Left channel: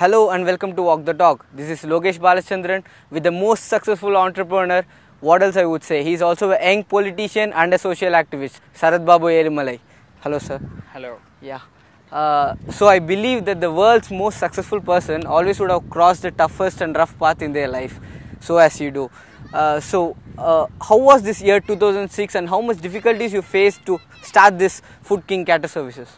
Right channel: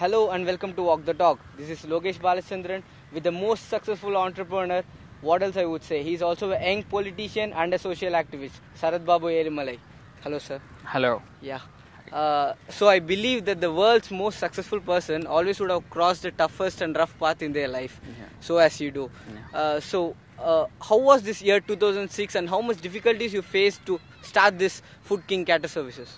Hello and welcome to Walk the Talk. This is Logesh Balachandran with the most successful entrepreneur. What else I would say? He's also a young politician and a social activist. Sarathbabu ezhumalai. Hello, sir. Hello. Yeah. So I believe that the world's most successful person always would have crossed the toughest and rough path in their life. So as you do. How was this year 2006 and how much difficulties you faced to start this Food King Cattle Services?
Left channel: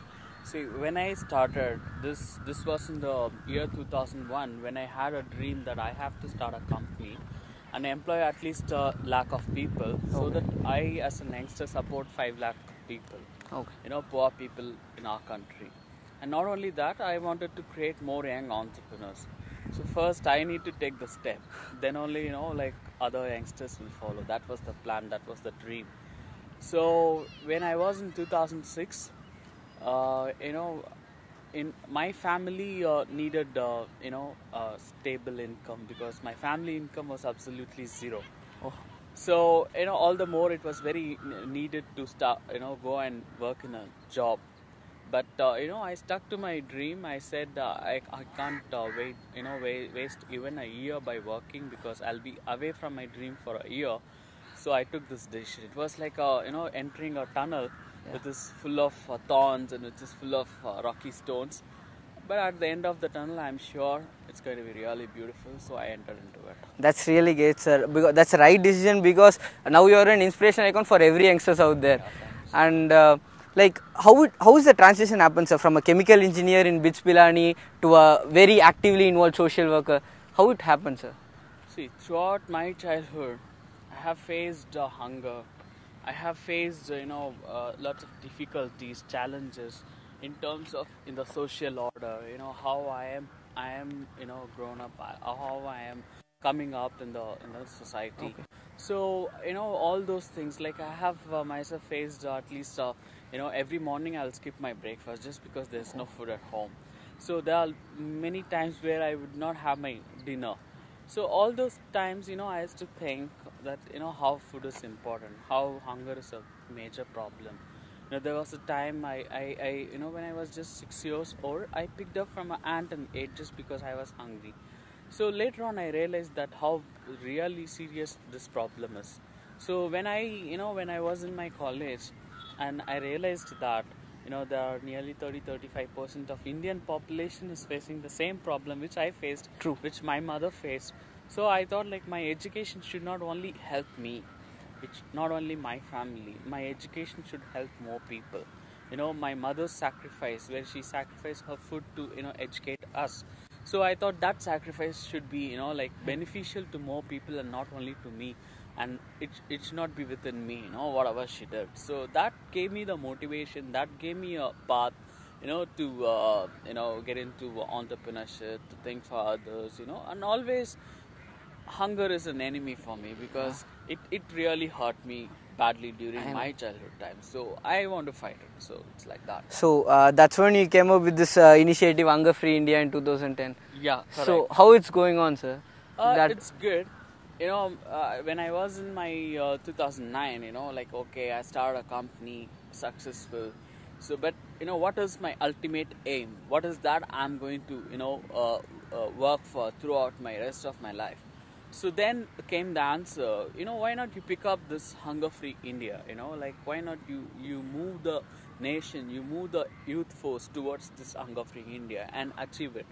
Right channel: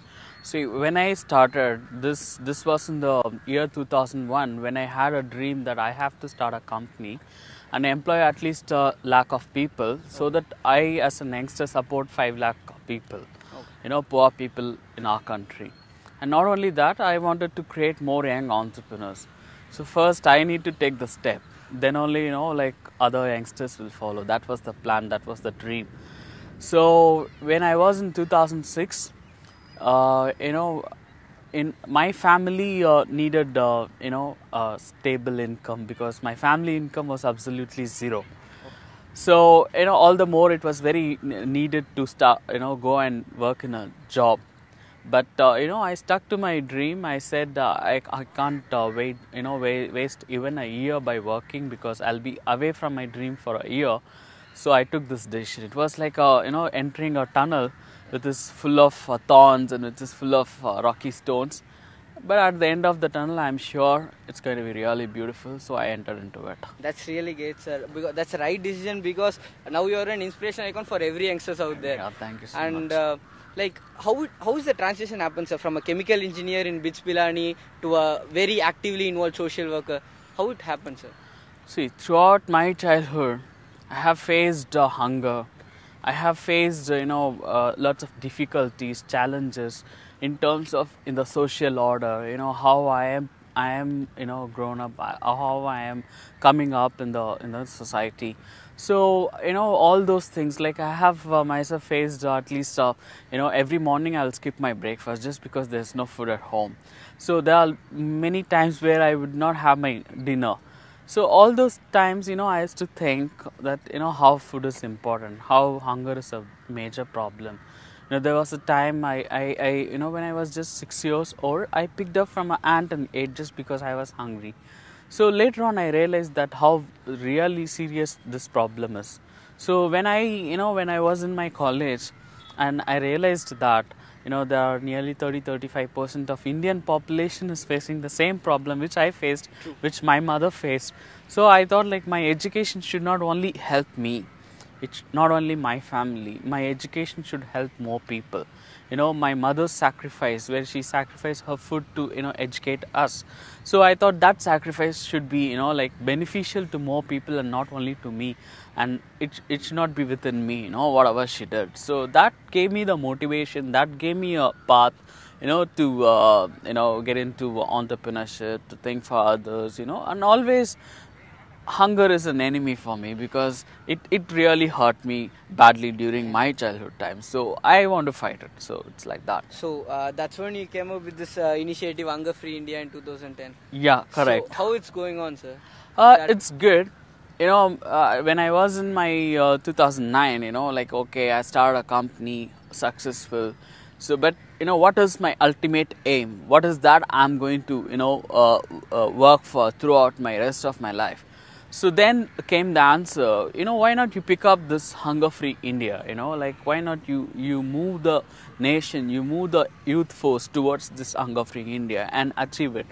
See, when I started, this was in the year 2001 when I had a dream that I have to start a company and employ at least a lakh of people so that I as a youngster support 5 lakh people, poor people in our country. And not only that, I wanted to create more young entrepreneurs. So first I need to take the step, then only, other youngsters will follow. That was the plan, that was the dream. So when I was in 2006, in my family needed stable income because my family income was absolutely zero. So all the more it was very needed to start go and work in a job. But I stuck to my dream. I said I can't waste even a year by working because I'll be away from my dream for a year. So I took this decision. It was like entering a tunnel which is full of thorns and which is full of rocky stones. But at the end of the tunnel, I'm sure it's going to be really beautiful. So I entered into it. That's really great, sir. Because that's the right decision because now you're an inspiration icon for every youngsters out there. Yeah, thank you so much. How is the transition happen, sir, from a chemical engineer in Bijpilani to a very actively involved social worker? How it happened, sir? See, throughout my childhood, I have faced hunger. I have faced, lots of difficulties, challenges in terms of in the social order. How I am, grown up, how I am coming up in the society. So all those things. Like I have myself faced at least every morning I'll skip my breakfast just because there's no food at home. So there are many times where I would not have my dinner. So all those times, I used to think that, how food is important, how hunger is a major problem. There was a time I when I was just 6 years old, I picked up from an ant and ate just because I was hungry. So later on, I realized that how really serious this problem is. So when I was in my college and I realized that, there are nearly 30-35% of Indian population is facing the same problem which I faced, which my mother faced. So I thought like my education should not only help me, it's not only my family, my education should help more people. My mother's sacrifice, where she sacrificed her food to, educate us. So I thought that sacrifice should be, beneficial to more people and not only to me. And it should not be within me, whatever she did. So that gave me the motivation, that gave me a path, to, get into entrepreneurship, to think for others, and always hunger is an enemy for me because it really hurt me badly during my childhood times. So I want to fight it. So it's like that. So that's when you came up with this initiative Hunger Free India in 2010. Yeah, correct. So how it's going on, sir? It's good. When I was in my 2009, I started a company, successful. So, but what is my ultimate aim? What is that I'm going to work for throughout my rest of my life? So then came the answer, why not you pick up this Hunger Free India, why not you move the nation, you move the youth force towards this Hunger Free India and achieve it.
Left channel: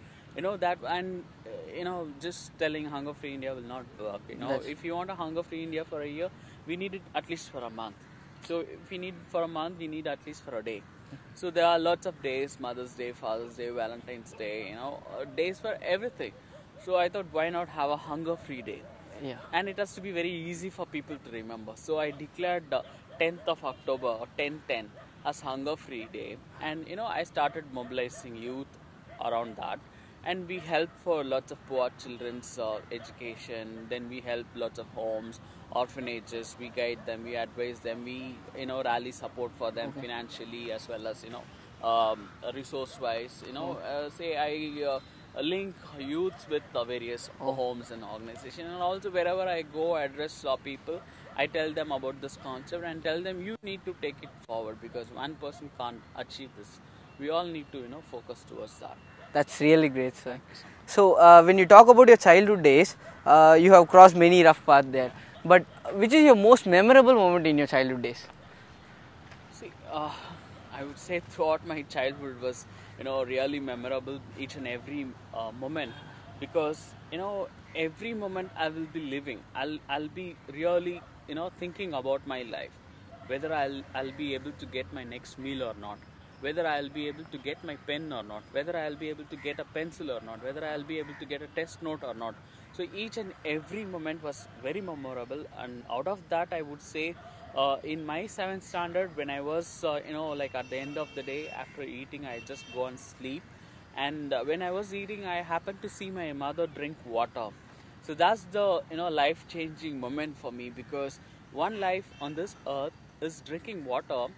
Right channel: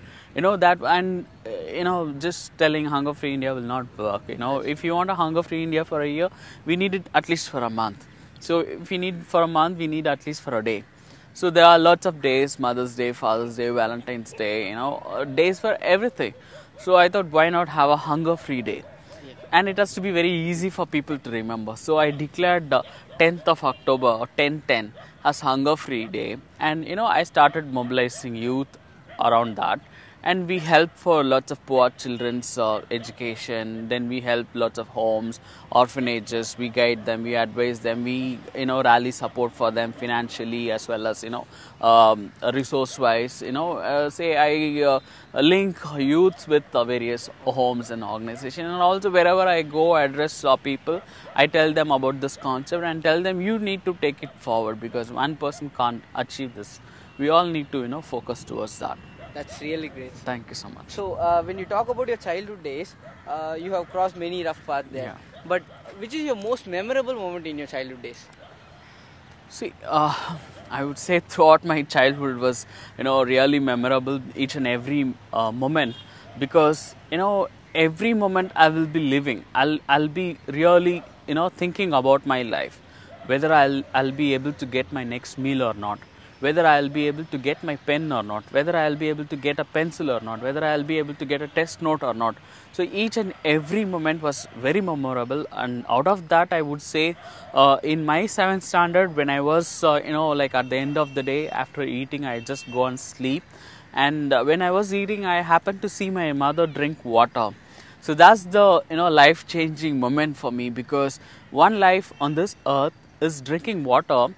Just telling Hunger Free India will not work, if you want a Hunger Free India for a year, we need it at least for a month. So if we need for a month, we need at least for a day. So there are lots of days, Mother's Day, Father's Day, Valentine's Day, days for everything. So I thought, why not have a hunger-free day? Yeah. And it has to be very easy for people to remember. So I declared the 10th of October or 10/10 as hunger-free day. And, I started mobilizing youth around that. And we help for lots of poor children's education. Then we help lots of homes, orphanages. We guide them, we advise them. We, rally support for them financially as well as, resource-wise. I link youths with various homes and organizations. And also wherever I go, address people, I tell them about this concept and tell them you need to take it forward because one person can't achieve this. We all need to, focus towards that. That's really great, sir. Thank you so much. So, when you talk about your childhood days, you have crossed many rough paths there. Yeah. But which is your most memorable moment in your childhood days? See, I would say throughout my childhood was, really memorable, each and every moment, because, every moment I will be living, I'll be really, thinking about my life, whether I'll be able to get my next meal or not, whether I'll be able to get my pen or not, whether I'll be able to get a pencil or not, whether I'll be able to get a test note or not. So each and every moment was very memorable, and out of that I would say in my 7th standard, when I was like at the end of the day after eating, I just go and sleep, and when I was eating I happened to see my mother drink water. So that's the life changing moment for me, because one life on this earth is drinking water,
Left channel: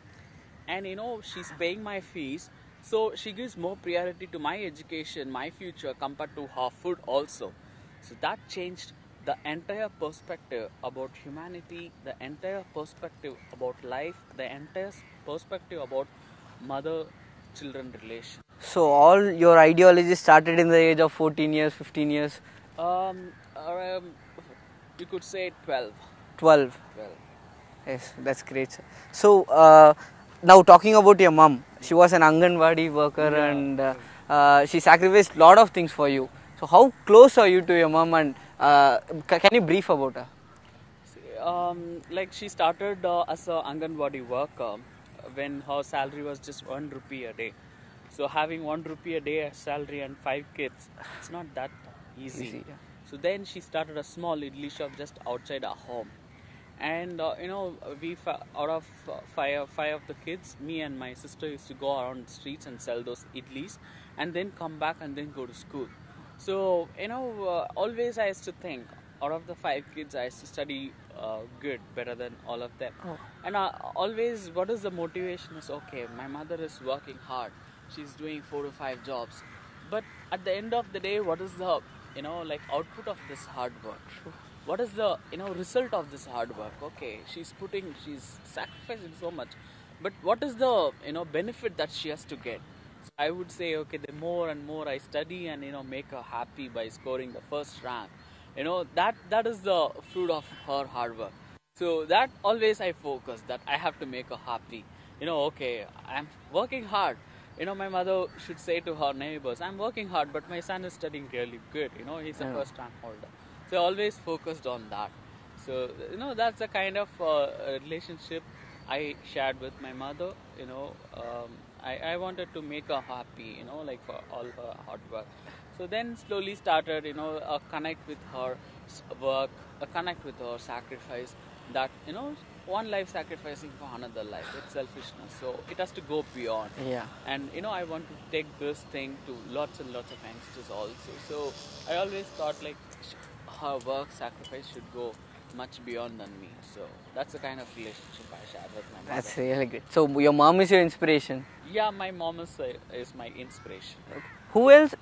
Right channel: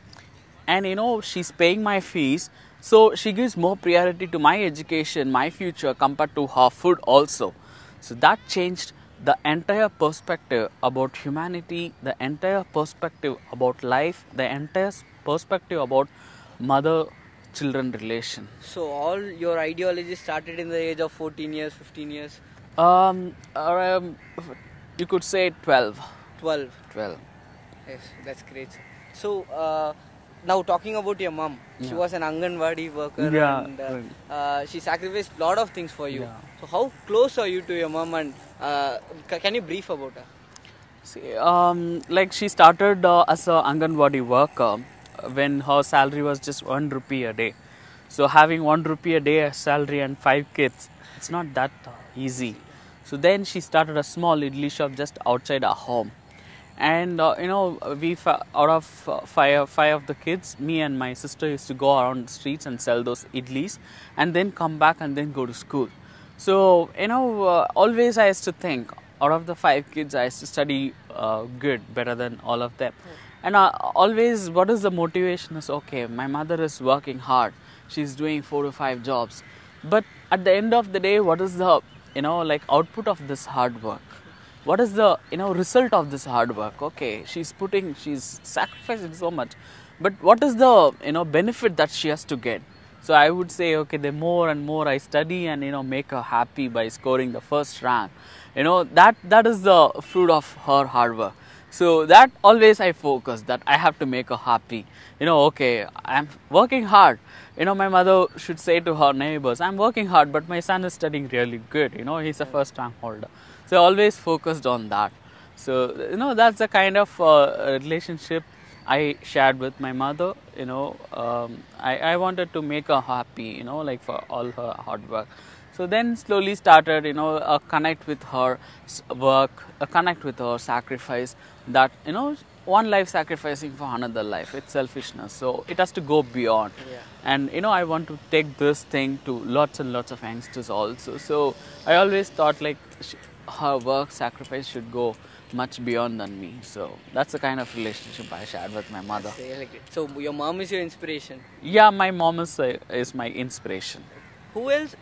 and she's paying my fees, so she gives more priority to my education, my future, compared to her food also. So that changed the entire perspective about humanity, the entire perspective about life, the entire perspective about mother-children relation. So, all your ideology started in the age of 14 years, 15 years? You could say 12. 12. 12. Yes, that's great, sir. So, now talking about your mom, she was an Anganwadi worker, and she sacrificed a lot of things for you. So how close are you to your mom, and can you brief about her? See, like she started as a Anganwadi worker when her salary was just 1 rupee a day. So having 1 rupee a day as salary and 5 kids, it's not that easy. So then she started a small idli shop just outside our home. And we out of five of the kids, me and my sister used to go around the streets and sell those idlis, and then come back and then go to school. So always I used to think, out of the 5 kids, I used to study better than all of them. And always, what is the motivation is, okay, my mother is working hard, she's doing 4 to 5 jobs, but at the end of the day, what is the output of this hard work? What is the result of this hard work? Okay, she's sacrificing so much, but what is the benefit that she has to get? So I would say, okay, the more and more I study and make her happy by scoring the first rank, that is the fruit of her hard work. So that always I focus, that I have to make her happy. Okay, I'm working hard. My mother should say to her neighbors, I'm working hard, but my son is studying really good. He's a first rank holder. So I always focused on that. So, that's the kind of relationship I shared with my mother. I wanted to make her happy, for all her hard work. So then slowly started, a connect with her work, a connect with her sacrifice, that, one life sacrificing for another life. It's selfishness. So it has to go beyond. Yeah. And, I want to take this thing to lots and lots of youngsters also. So I always thought her work sacrifice should go much beyond than me. So that's the kind of relationship I shared with my mother. That's really great. So your mom is your inspiration? Yeah, my mom is my inspiration. Who else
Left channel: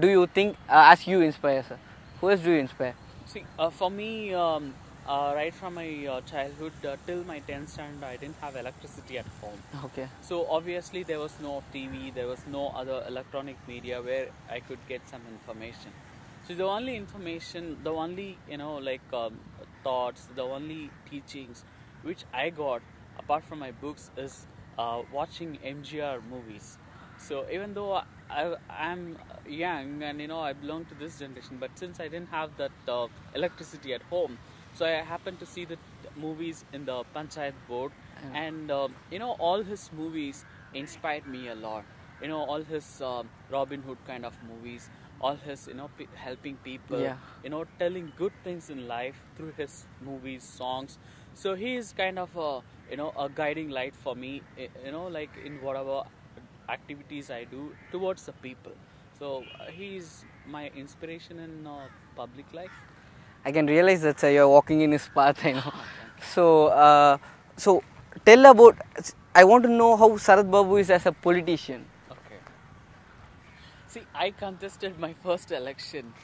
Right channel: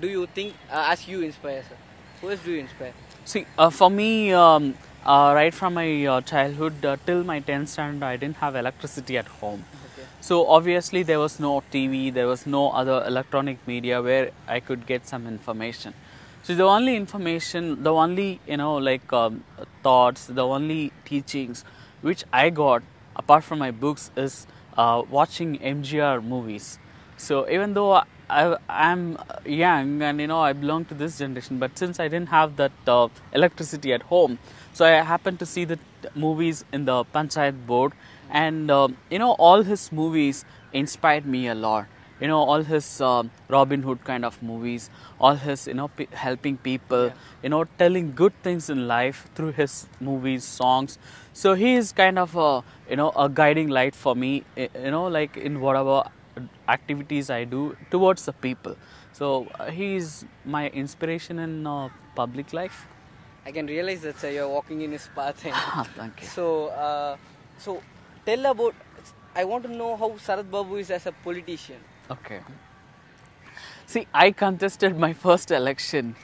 do you think, as you inspire, sir? Who else do you inspire? See, for me, right from my childhood till my 10th standard, I didn't have electricity at home. Okay. So obviously there was no TV, there was no other electronic media where I could get some information. So the only information, the only thoughts, the only teachings which I got apart from my books is watching MGR movies. So even though I'm young and I belong to this generation, but since I didn't have that electricity at home, so I happened to see the movies in the Panchayat board, and all his movies inspired me a lot. All his Robin Hood kind of movies, all his helping people, telling good things in life through his movies, songs. So he is kind of a guiding light for me, in whatever activities I do towards the people. So he is my inspiration in public life. I can realize that, sir, you're walking in his path. Thank you. So tell about, I want to know how Sarathbabu is as a politician. Okay. See, I contested my first election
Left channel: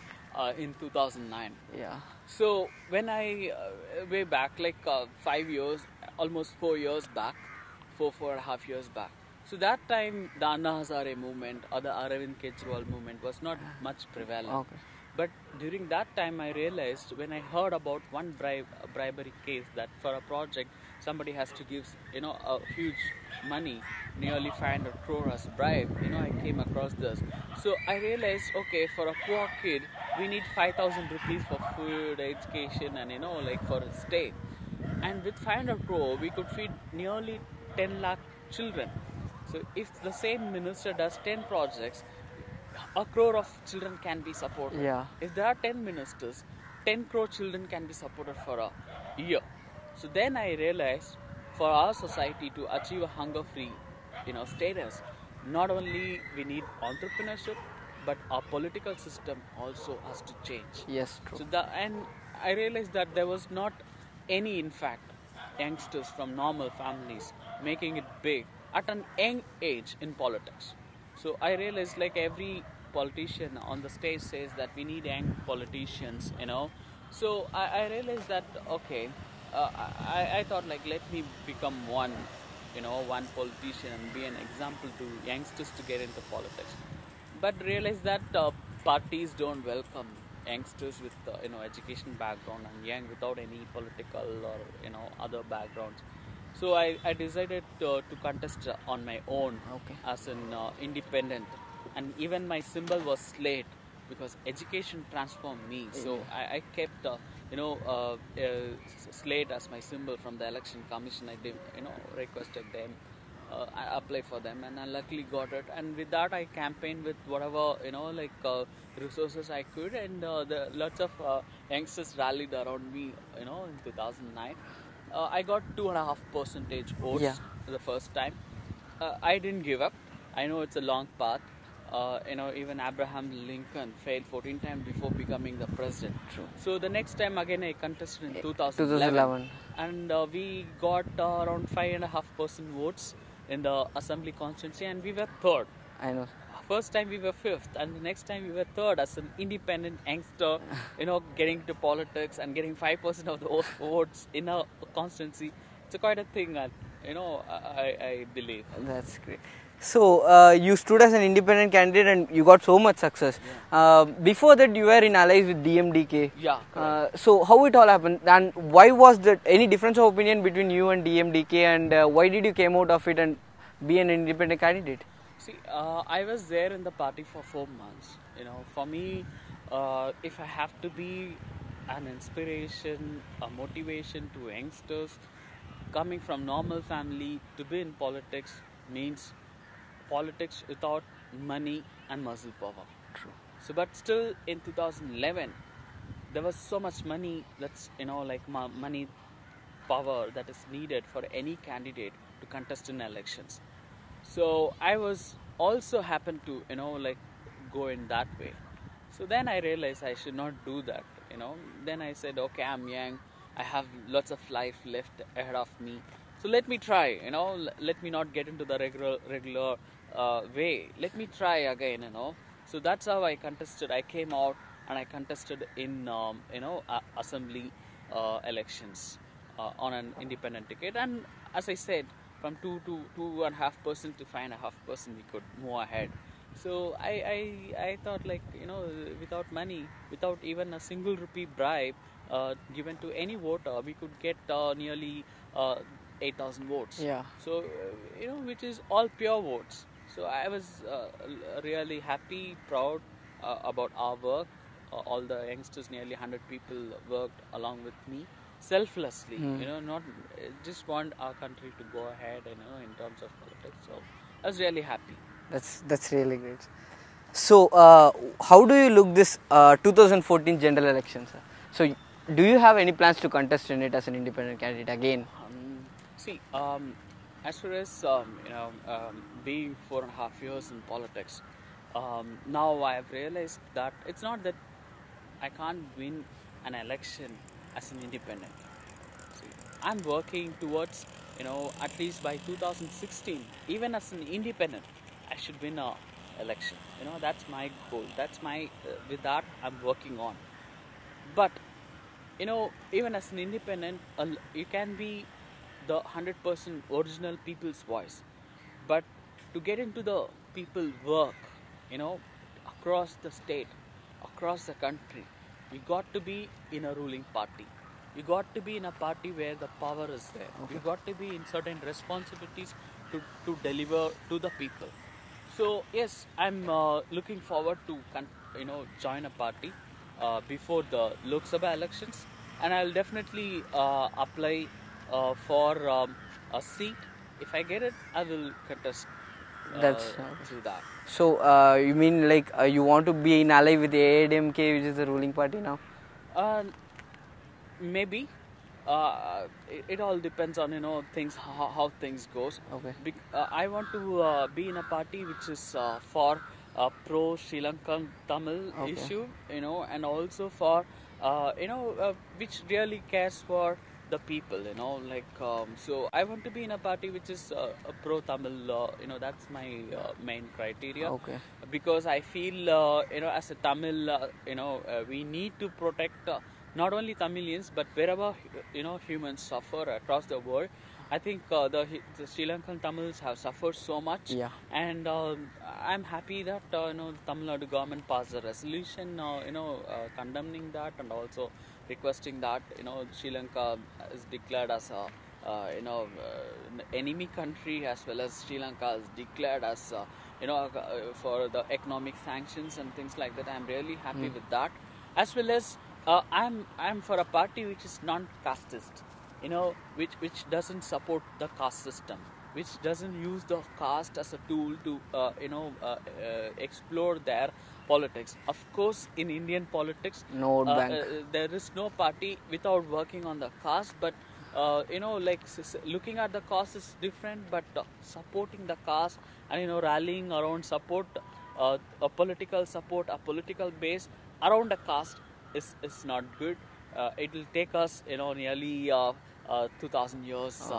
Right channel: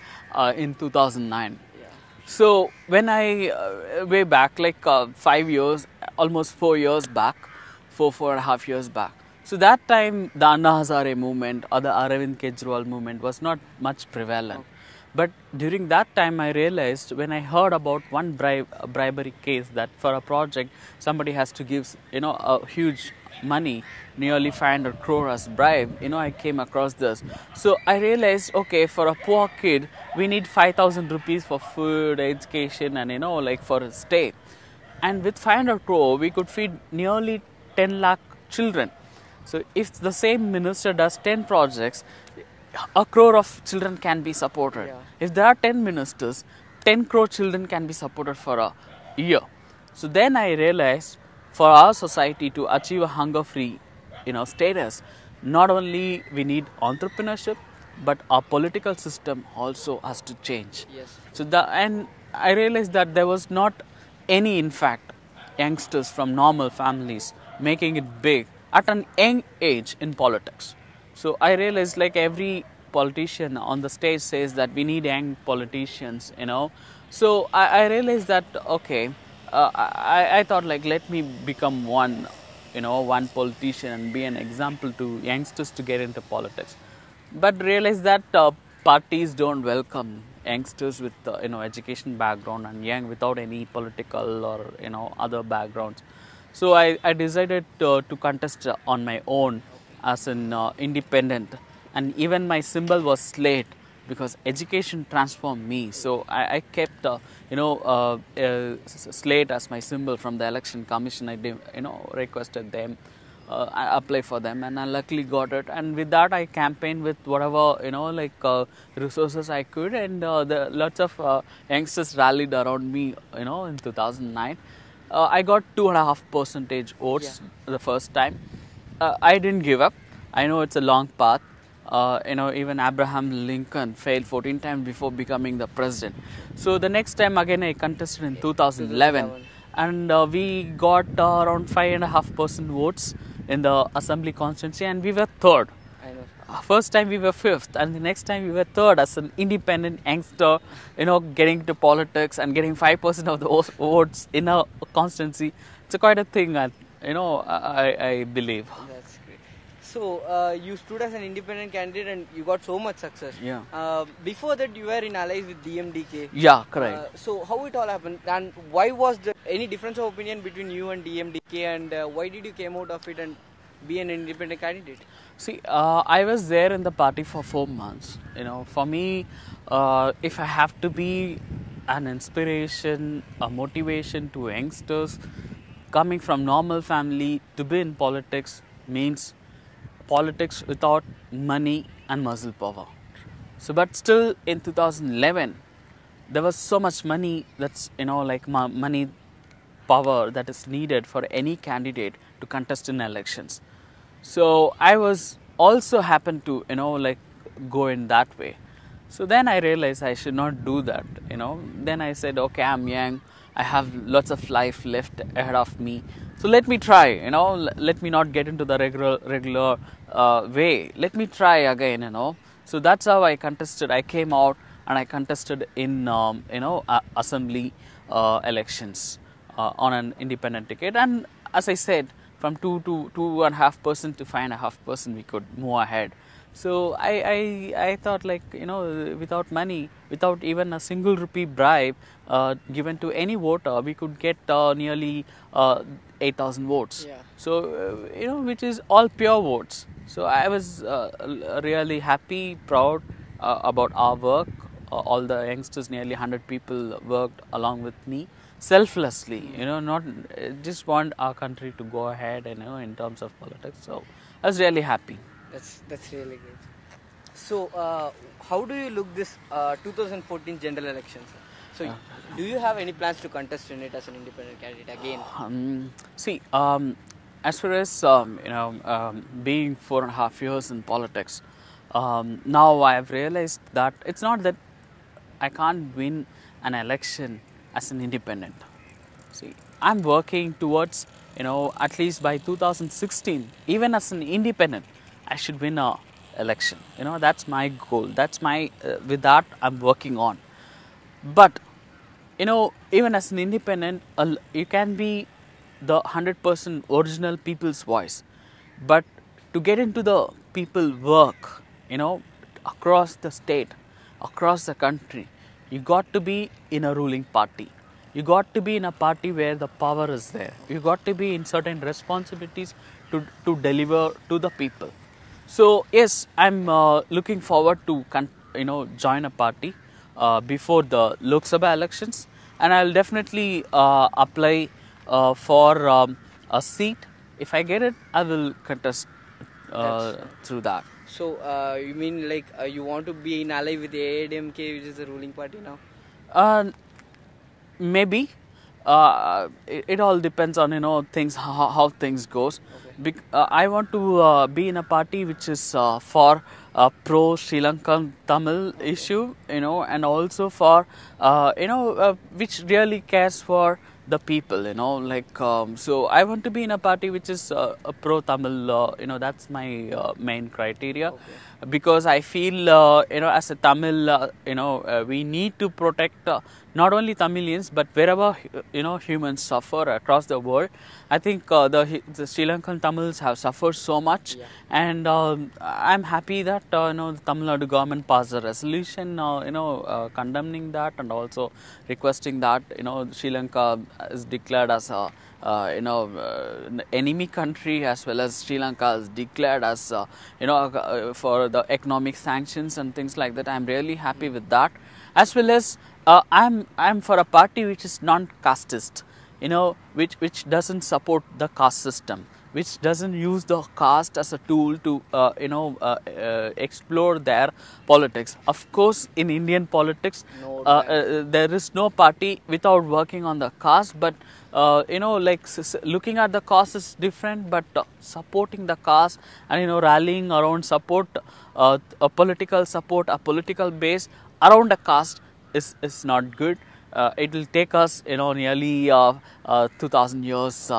in 2009. Yeah. So when I, way back, 5 years, almost 4 years back, 4.5 years back. So that time the Anna Hazare movement or the Arvind Kejriwal movement was not much prevalent. Okay. But during that time I realized, when I heard about one bribery case, that for a project somebody has to give a huge money, nearly 500 crore as bribe, I came across this. So I realized, okay, for a poor kid we need 5,000 rupees for food, education, and like for a stay. And with 500 crore we could feed nearly 10 lakh children. So if the same minister does 10 projects, a crore of children can be supported. Yeah. If there are 10 ministers, 10 crore children can be supported for a year. So then I realized, for our society to achieve a hunger-free, status, not only we need entrepreneurship, but our political system also has to change. Yes. So and I realized that there was not any, in fact, youngsters from normal families making it big at an young age in politics. So I realized, like every politician on the stage says that we need young politicians, So I realized that, okay, I thought, like, let me become one politician and be an example to youngsters to get into politics. But realized that parties don't welcome youngsters with education background and young without any political or other backgrounds. So I decided to contest on my own. Okay. As an independent, and even my symbol was slate, because education transformed me. So I kept slate as my symbol from the election commission. I requested them, I apply for them, and I luckily got it. And with that I campaigned with whatever resources I could, and lots of youngsters rallied around me in 2009. I got 2.5% votes the first time. I didn't give up. I know it's a long path. Even Abraham Lincoln failed 14 times before becoming the president. So the next time again I contested in 2011. And we got around 5.5% votes in the assembly constituency, and we were third. I know. First time we were fifth, and the next time we were third as an independent youngster, getting into politics and getting 5% of the votes in a constituency. It's quite a thing, I believe. That's great. So you stood as an independent candidate and you got so much success. Yeah. Before that you were in allies with DMDK. Yeah, correct. So how it all happened, and why was that any difference of opinion between you and DMDK, and why did you came out of it and be an independent candidate? See, I was there in the party for 4 months. For me, if I have to be an inspiration, a motivation to youngsters coming from normal family to be in politics, means politics without money and muscle power. So, but still in 2011, there was so much money that's, money power that is needed for any candidate to contest in elections. So I was also happened to, go in that way. So then I realized I should not do that, Then I said, okay, I'm young. I have lots of life left ahead of me. So let me try, let me not get into the regular way. Let me try again, So that's how I contested. I came out and I contested in, assembly elections on an independent ticket. And as I said, from 2.5% to 5.5%, we could move ahead. So I thought, without money, without even a single rupee bribe given to any voter, we could get nearly 8,000 votes. Yeah. So, which is all pure votes. So I was really happy, proud about our work. All the youngsters, nearly 100 people worked along with me. Selflessly, not just want our country to go ahead, in terms of politics. So I was really happy. That's really great. So how do you look this 2014 general elections? So do you have any plans to contest in it as an independent candidate again? As far as being 4.5 years in politics, now I have realized that it's not that I can't win an election as an independent. See, I'm working towards, at least by 2016, even as an independent, I should win a election. That's my goal. That's my, with that I'm working on. But, even as an independent, you can be the 100% original people's voice. But to get into the people work, across the state, across the country, you got to be in a ruling party. You got to be in a party where the power is there. You got to be in certain responsibilities to deliver to the people. So yes, I'm looking forward to join a party before the Lok Sabha elections, and I'll definitely apply for a seat. If I get it, I will contest through that. So you mean like you want to be in ally with the AIDMK, which is the ruling party now? Maybe. It all depends on things, how things goes. Okay. I want to be in a party which is for pro Sri Lankan Tamil issue, and also for which really cares for the people, so I want to be in a party which is a pro Tamil. That's my main criteria. Okay. Because I feel as a Tamil, we need to protect not only Tamilians but wherever humans suffer across the world. I think the Sri Lankan Tamils have suffered so much, and I'm happy that the Tamil Nadu government passed a resolution condemning that, and also requesting that Sri Lanka is declared as a enemy country, as well as Sri Lanka is declared as for the economic sanctions and things like that. I'm really happy with that, as well as I'm for a party which is non-casteist, which doesn't support the caste system, which doesn't use the caste as a tool to explore their politics. Of course, in Indian politics, there is no party without working on the caste, but looking at the caste is different, but supporting the caste and rallying around support, a political base around a caste is not good. It will take us nearly 2000 years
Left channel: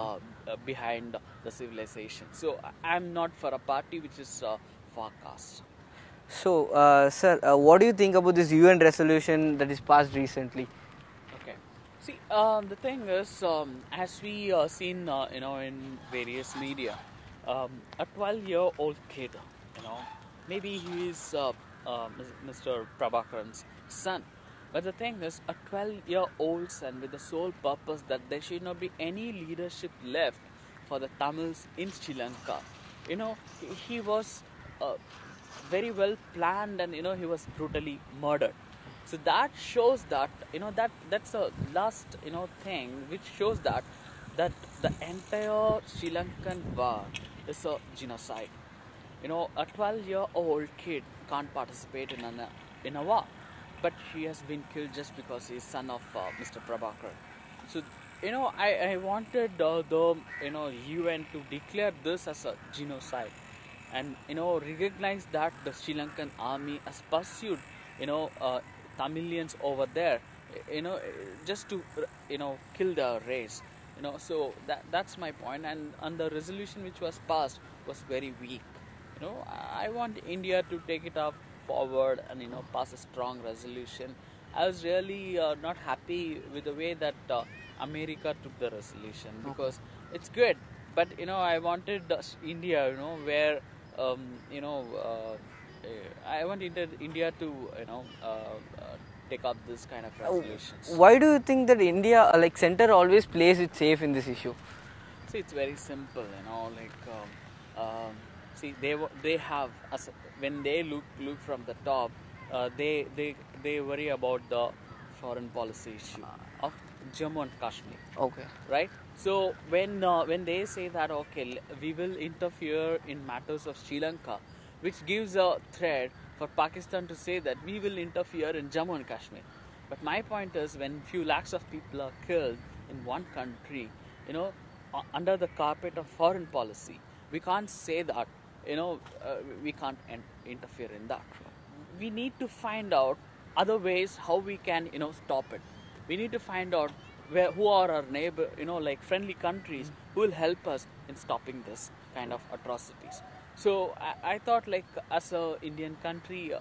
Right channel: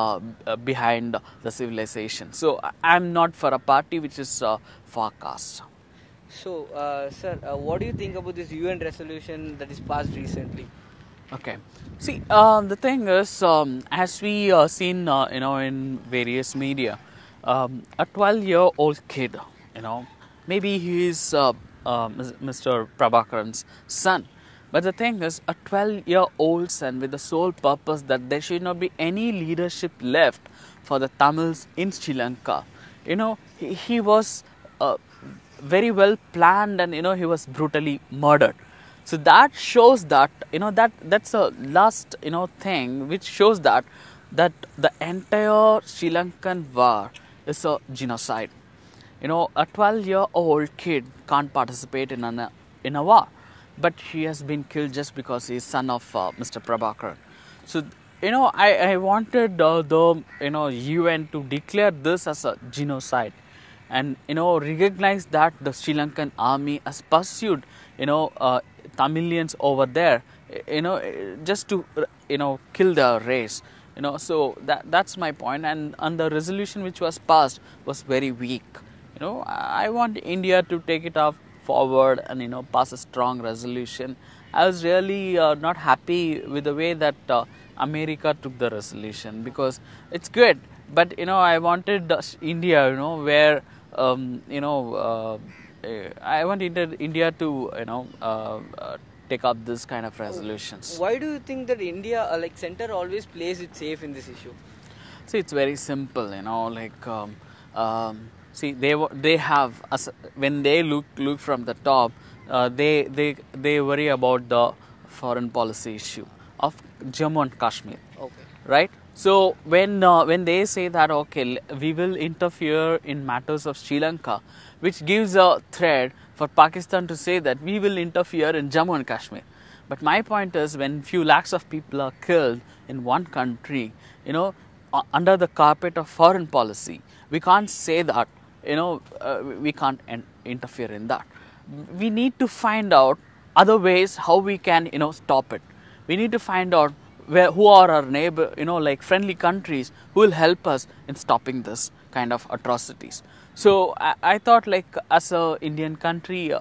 behind the civilization. So I'm not for a party which is for caste. So sir, what do you think about this UN resolution that is passed recently? Okay. See, the thing is, as we seen in various media, a 12-year-old kid, maybe he is Mr. Prabhakaran's son. But the thing is, a 12-year-old son with the sole purpose that there should not be any leadership left for the Tamils in Sri Lanka. He was very well planned, and he was brutally murdered. So that shows that that's a last thing which shows that the entire Sri Lankan war is a genocide. A 12-year-old kid can't participate in a war, but he has been killed just because he is son of Mr. Prabhakaran. So I wanted the UN to declare this as a genocide, and recognize that the Sri Lankan army has pursued Tamilians over there, just to kill the race. So that's my point. And the resolution which was passed was very weak. I want India to take it up forward and pass a strong resolution. I was really not happy with the way that America took the resolution, because it's good, but I wanted India, where I want India to take up this kind of resolutions. Why do you think that India, like center, always plays it safe in this issue? See, it's very simple. See, they have, when they look from the top, they worry about the foreign policy issue of Jammu and Kashmir. Okay. Right. So when they say that we will interfere in matters of Sri Lanka, which gives a thread for Pakistan to say that we will interfere in Jammu and Kashmir. But my point is, when few lakhs of people are killed in one country, under the carpet of foreign policy, we can't say that we can't interfere in that. We need to find out other ways how we can stop it. We need to find out who are our neighbor, like friendly countries who will help us in stopping this kind of atrocities. So I thought, like, as a Indian country,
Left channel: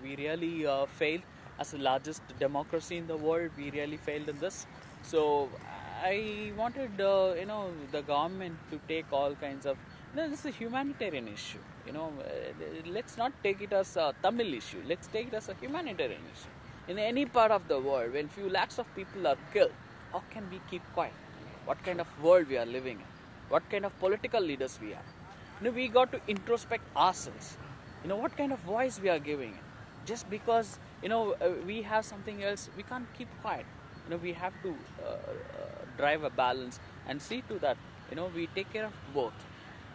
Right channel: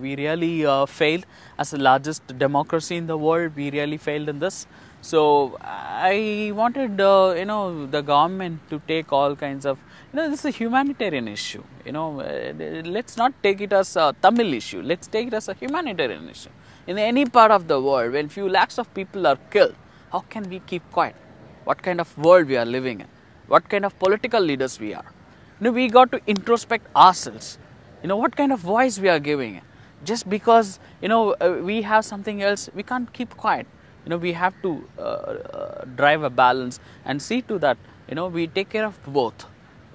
we really failed as the largest democracy in the world. We really failed in this. So I wanted, the government to take all kinds of, this is a humanitarian issue. Let's not take it as a Tamil issue. Let's take it as a humanitarian issue. In any part of the world, when few lakhs of people are killed, how can we keep quiet? What kind of world we are living in? What kind of political leaders we are? We got to introspect ourselves. What kind of voice we are giving. Just because, we have something else, we can't keep quiet. We have to drive a balance and see to that, we take care of both.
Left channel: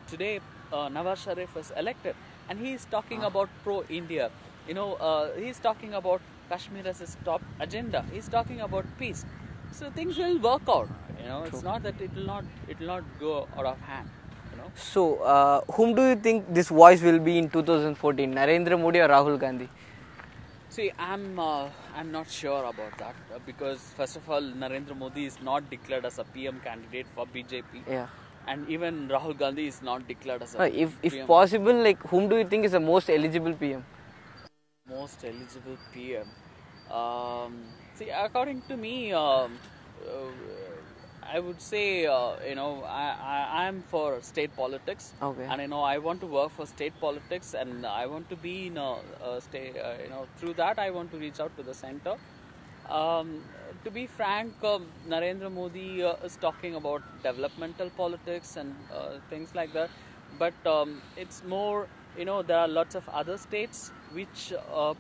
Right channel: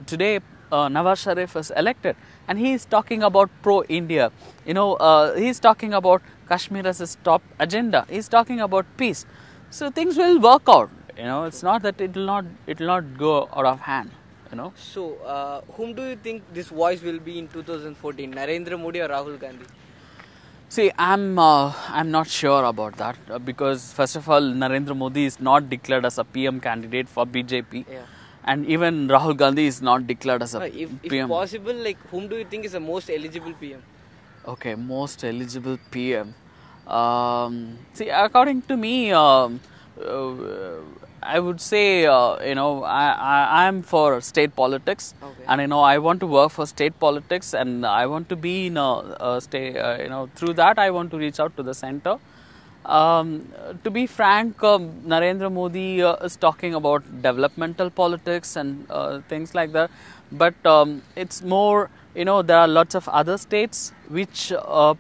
Today, Nawaz Sharif is elected and he is talking about pro-India. He is talking about Kashmir as his top agenda. He is talking about peace. So things will work out. It's not that it will not go out of hand. So, whom do you think this voice will be in 2014? Narendra Modi or Rahul Gandhi? See, I'm not sure about that because first of all, Narendra Modi is not declared as a PM candidate for BJP, and even Rahul Gandhi is not declared as a if PM. possible, like whom do you think is the most eligible PM? Okay, most eligible PM. See, according to me, I would say, I'm for state politics, and I want to work for state politics, and I want to be in a state. Through that, I want to reach out to the center. To be frank, Narendra Modi is talking about developmental politics and things like that, but it's more. There are lots of other states which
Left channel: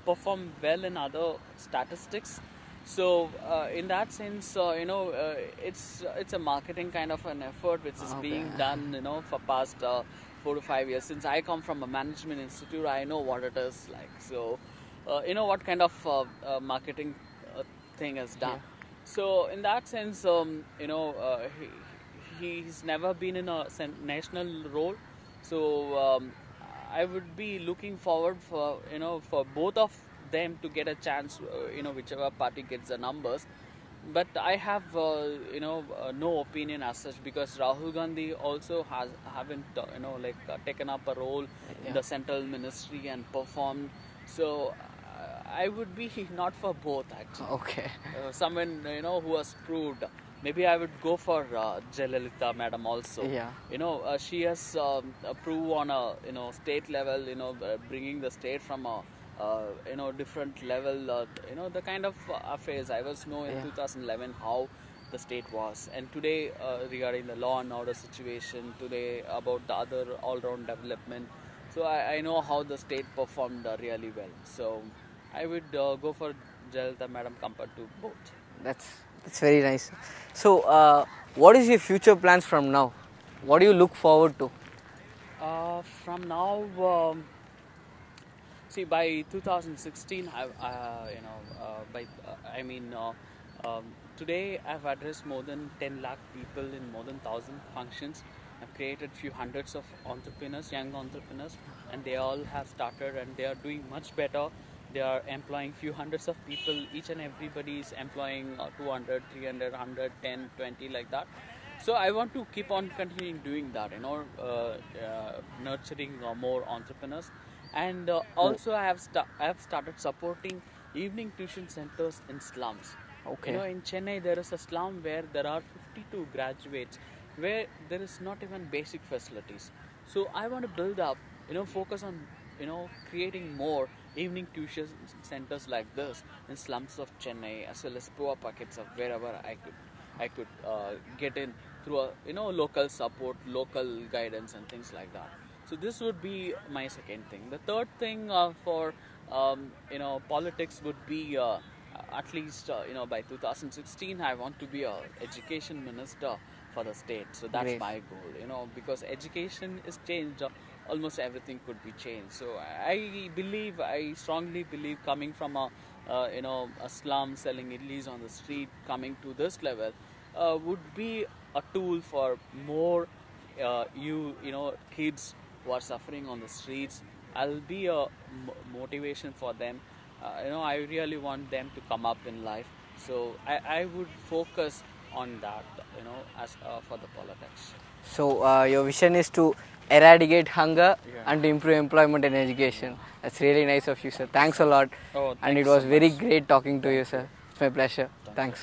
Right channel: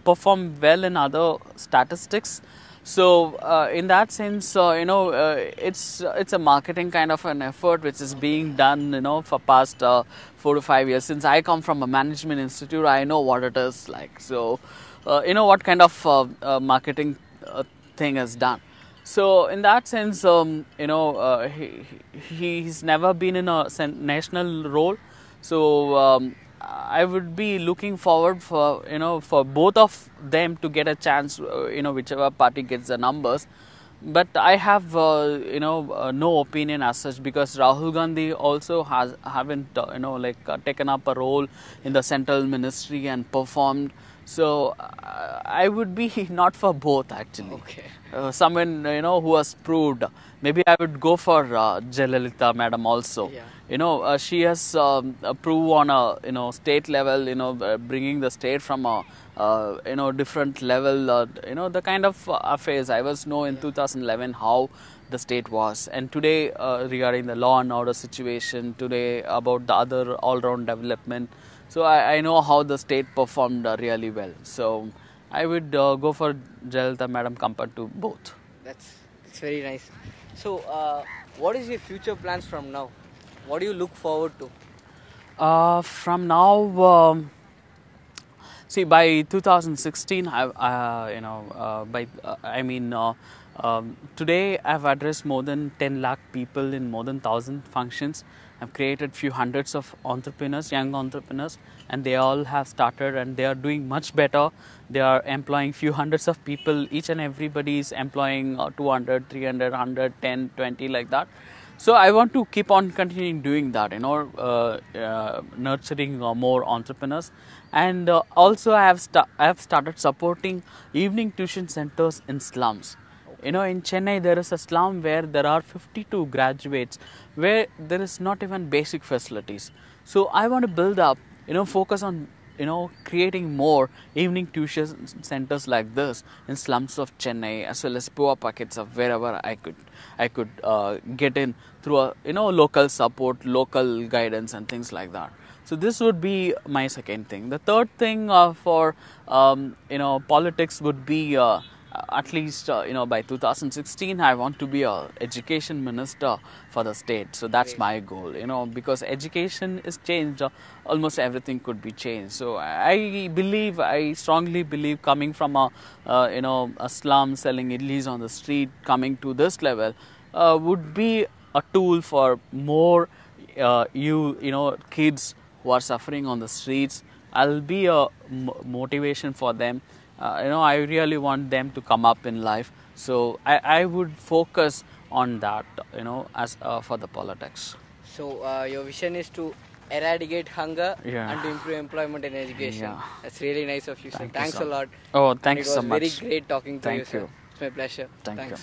perform well in other statistics. So in that sense, it's a marketing kind of an effort which is being done, for past 4 to 5 years. Since I come from a management institute, I know what it is like. So, what kind of marketing thing is done. So in that sense, he's never been in a national role. So I would be looking forward for for both of them to get a chance, whichever party gets the numbers. But I have no opinion as such, because Rahul Gandhi also haven't taken up a role in the central ministry and performed. So I would be not for both actually. Okay. Someone who has proved. Maybe I would go for Jayalalitha madam also. Yeah. She has proved on a state level, bringing the state from a different level. The kind of affairs I was in 2011 how the state was, and today regarding the law and order situation, today about the other all-round development. So I know how the state performed really well. So I would go for Jayalalitha madam compared to both. That's very nice. So, what is your future plans from now? What do you look forward to? From now, see, by 2016, today I've addressed more than 10 lakh people in more than 1,000 functions. I've created few hundreds of entrepreneurs, young entrepreneurs, and they all have started and they are doing much better. They are employing few hundreds of people. Each and everybody is employing 200, 300, 100, 10, 20 like that. So I want to keep on continuing doing that, nurturing more entrepreneurs. And also I have started supporting evening tuition centers in slums. Okay. In Chennai there is a slum where there are 52 graduates where there is not even basic facilities. So I want to build up, focus on creating more evening tuition centers like this in slums of Chennai, as well as poor pockets of wherever I could get in through a local support, local guidance and things like that. So this would be my second thing. The third thing for politics would be at least by 2016 I want to be a education minister for the state. So that's my goal, because education is changed, almost everything could be changed. So I strongly believe, coming from a slum selling idlis on the street, coming to this level would be a tool for more kids who are suffering on the streets. I'll be a motivation for them. I really want them to come up in life. So I would focus on that, as for the politics. So your vision is to eradicate hunger and to improve employment and education. Yeah. That's really nice of you, sir. Thanks a lot. Oh, thanks so much. And it was very great talking to you, sir. It's my pleasure. Thank you.